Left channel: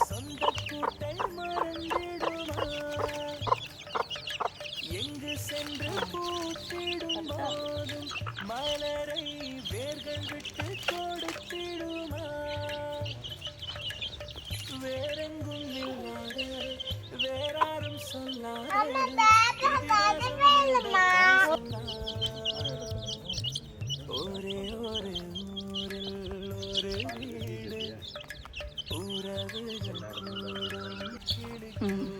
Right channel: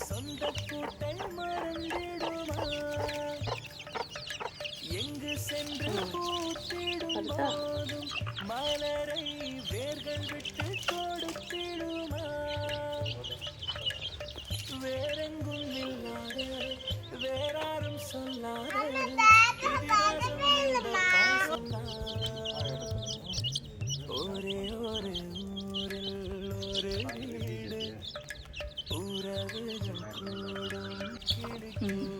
சொந்த கூட்டை மறந்திடுமா எங்கு சென்று பூத்திடும் போதும் மலரை வேர்கள் விட்டு கொடுத்திடுமா வேறெங்கும் இல்லாத வேறாரும் சொல்லாத இதிகாசம் இந்த பாசம்தான் ஒரே ஒரு ஊரில் ஒரு வீடு உறவுகள் கூடும் கிளிக்கூடு